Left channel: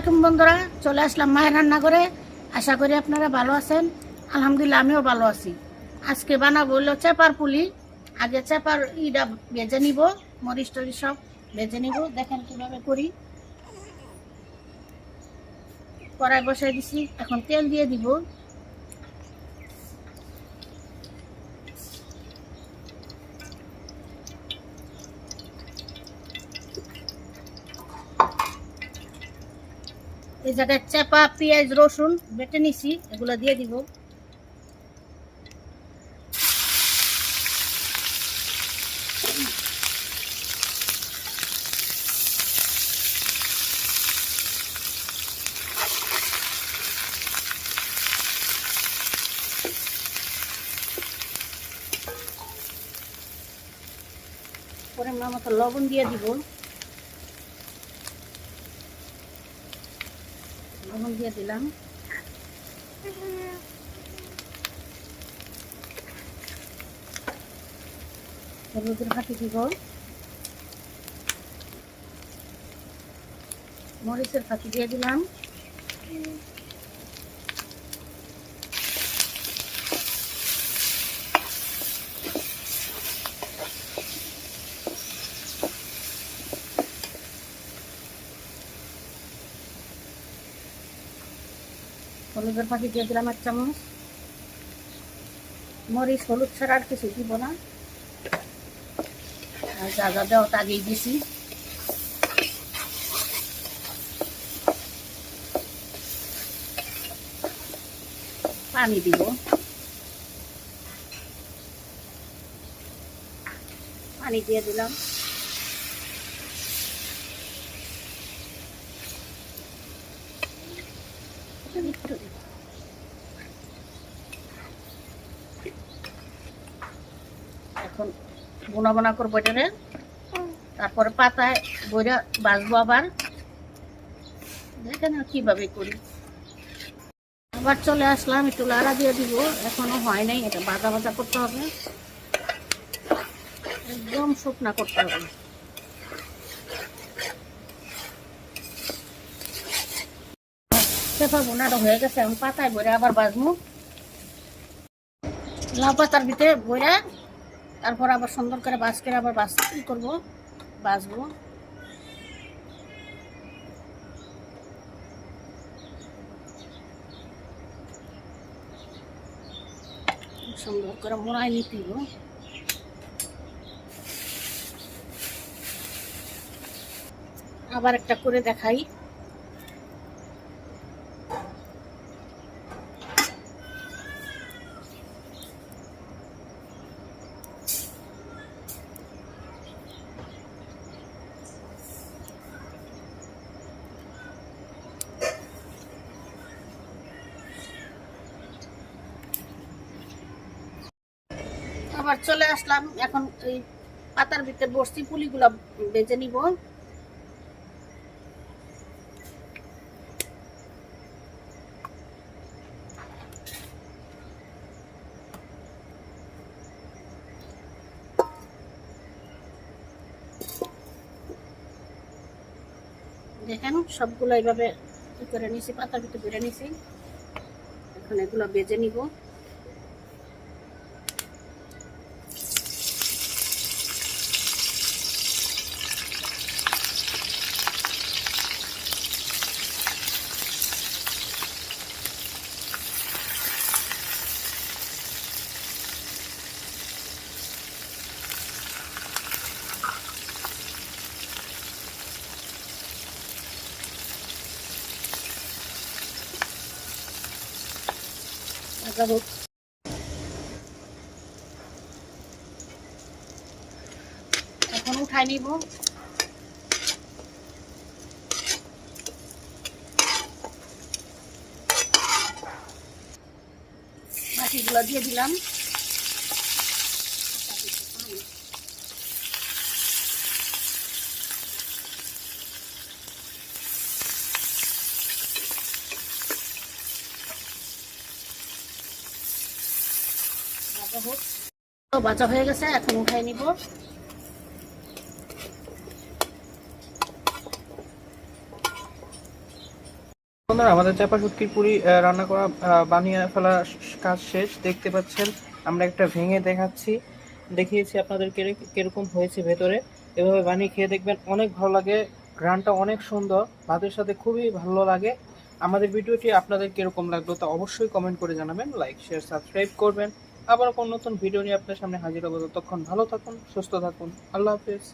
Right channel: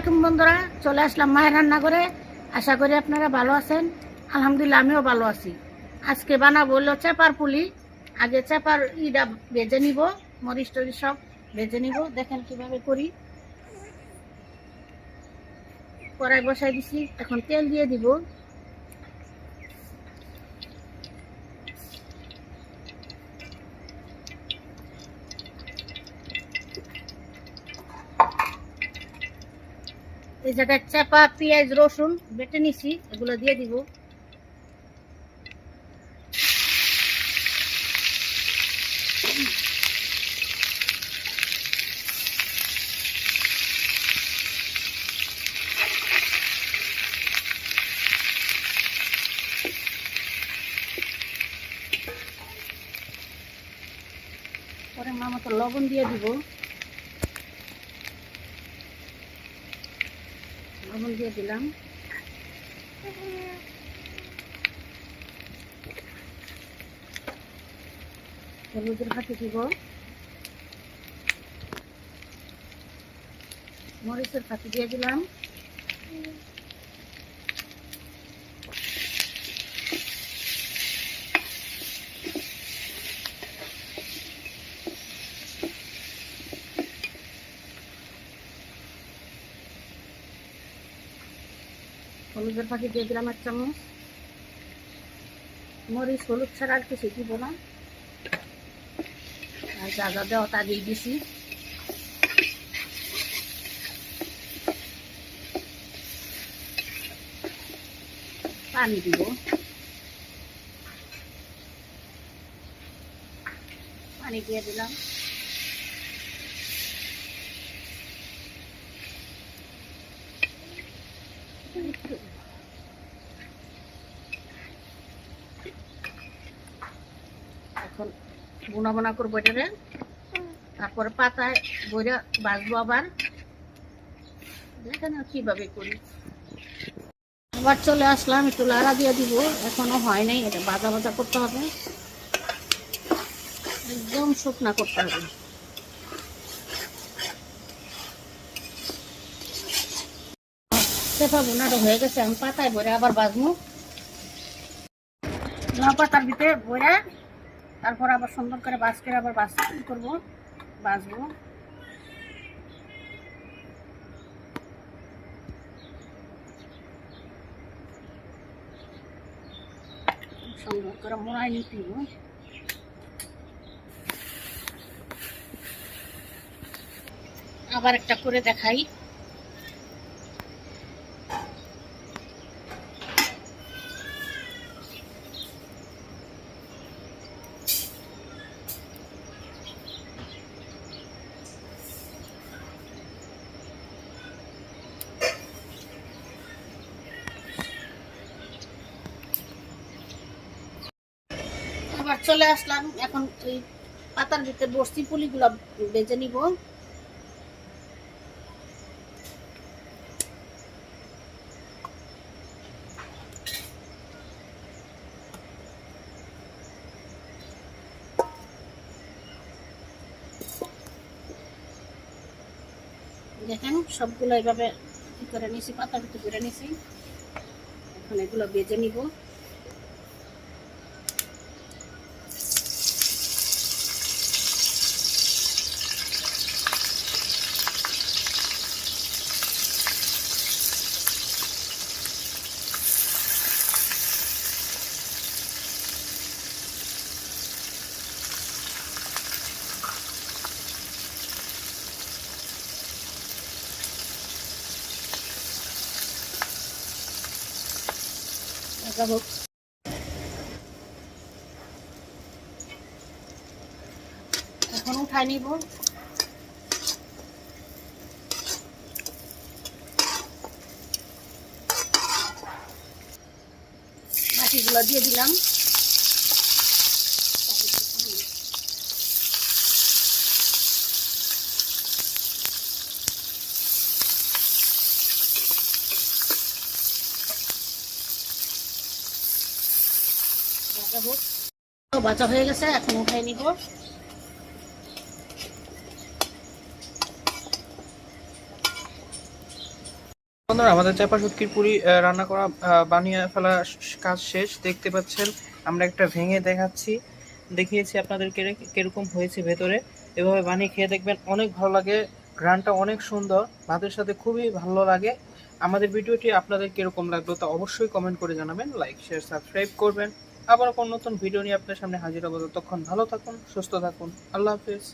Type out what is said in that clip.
আলাইকুম বন্ধুরা, চলে আসলাম মায়ের রান্না করে আশা করি আপনারা ভালো আছেন। আলহামদুলিল্লাহ, আমিও ভালো আছি। আজকে বানাবো হলো চেপার পুলি। আগে চেপার ইটা বেজে নিব, মরিচ টরিচ সব বেজে নিব। দেখেন কীভাবে করি। কড়াই বসাই দিছি, এখন তেল দিয়ে দিব। এই জায়গায় চাপা, পেঁয়াজ, রসুন বেটে নিছি, এগুলো দিয়ে দিব। পরে মা মতো লবণ দিয়ে দিব। লবণ দিয়ে দিলাম। হলুদের ফাটি দিব মরিচের ফাটি দিয়ে দিলাম। হলুদের ফাঁকি দিয়ে দিলাম এক চামচ। মরিচ, হলুদ ছাড়া আর কিছু দিব না। আর যা যা দেওয়া তা দিয়ে দিছি। পানি দিব। পানি দিয়ে দিলাম একটু এখন বোনা বোনা করব এটারে তারপরে পাতায় বইরা বাজবো আবার। দেখেন কীভাবে করি? আবার চলে আসলাম, একটু লাড়া দিয়ে দিব। এখনও হয় নাই, এটা ভাজা ভাজা করতে হবে। একদম শুকনা করতে হবে। হয়ে গেছে, আমি পাতায় ভরে আবার বাজবো লাউ পাতার ভিতরে ভরে তারপর আবার সুন্দর করে বাস করে আবার বাস করব বাসবো সুন্দর করে মোড়াই নিতে হবে। আবার একটা করে দেখাই আবার চলে আসলাম। এখন এই পাতার ভিতরে বসছি পুলিগুলো বেজে নিব। দেখেন, সবগুলো এইভাবে করে নিছি, পাতার ভিতরে করে নিছি। এখন এগুলো বেজে নিব। লাগাবো এখন উঠাই নিব। মাটিগুলো দিয়ে দিলাম। ভাজা হোক ভাজা হয়ে গেছে, এখন উঠাই নিব। বন্ধুরা, আমাদের চাপা শুটকির পুরি রান্না করা বানিয়ে ফেলা কাজ শেষ। দেখতে পাচ্ছেন, আমরা একটা ভেঙে দেখাচ্ছি। দেখিয়েছি আপনাদের কেরে- কীরকম হয়েছে ভেতরে। এভাবে বানিয়ে খেয়ে দেখবেন অনেক ভালো লাগে। গ্রানটা অনেক সুন্দর। ভাতের সাথে খুবই ভালো লাগে। আমাদের ভিডিওটি আপনাদের কীরকম লাগল তা অবশ্যই কমেন্ট করে জানাবেন। লাইক, শেয়ার, সাবস্ক্রাইব করবেন। আবার কোন নতুন ভিডিও নিয়ে আপনার সামনে হাজির হব। ততক্ষণ ভালো থাকুন, সুস্থ থাকুন। আল্লাহ হাফিজ।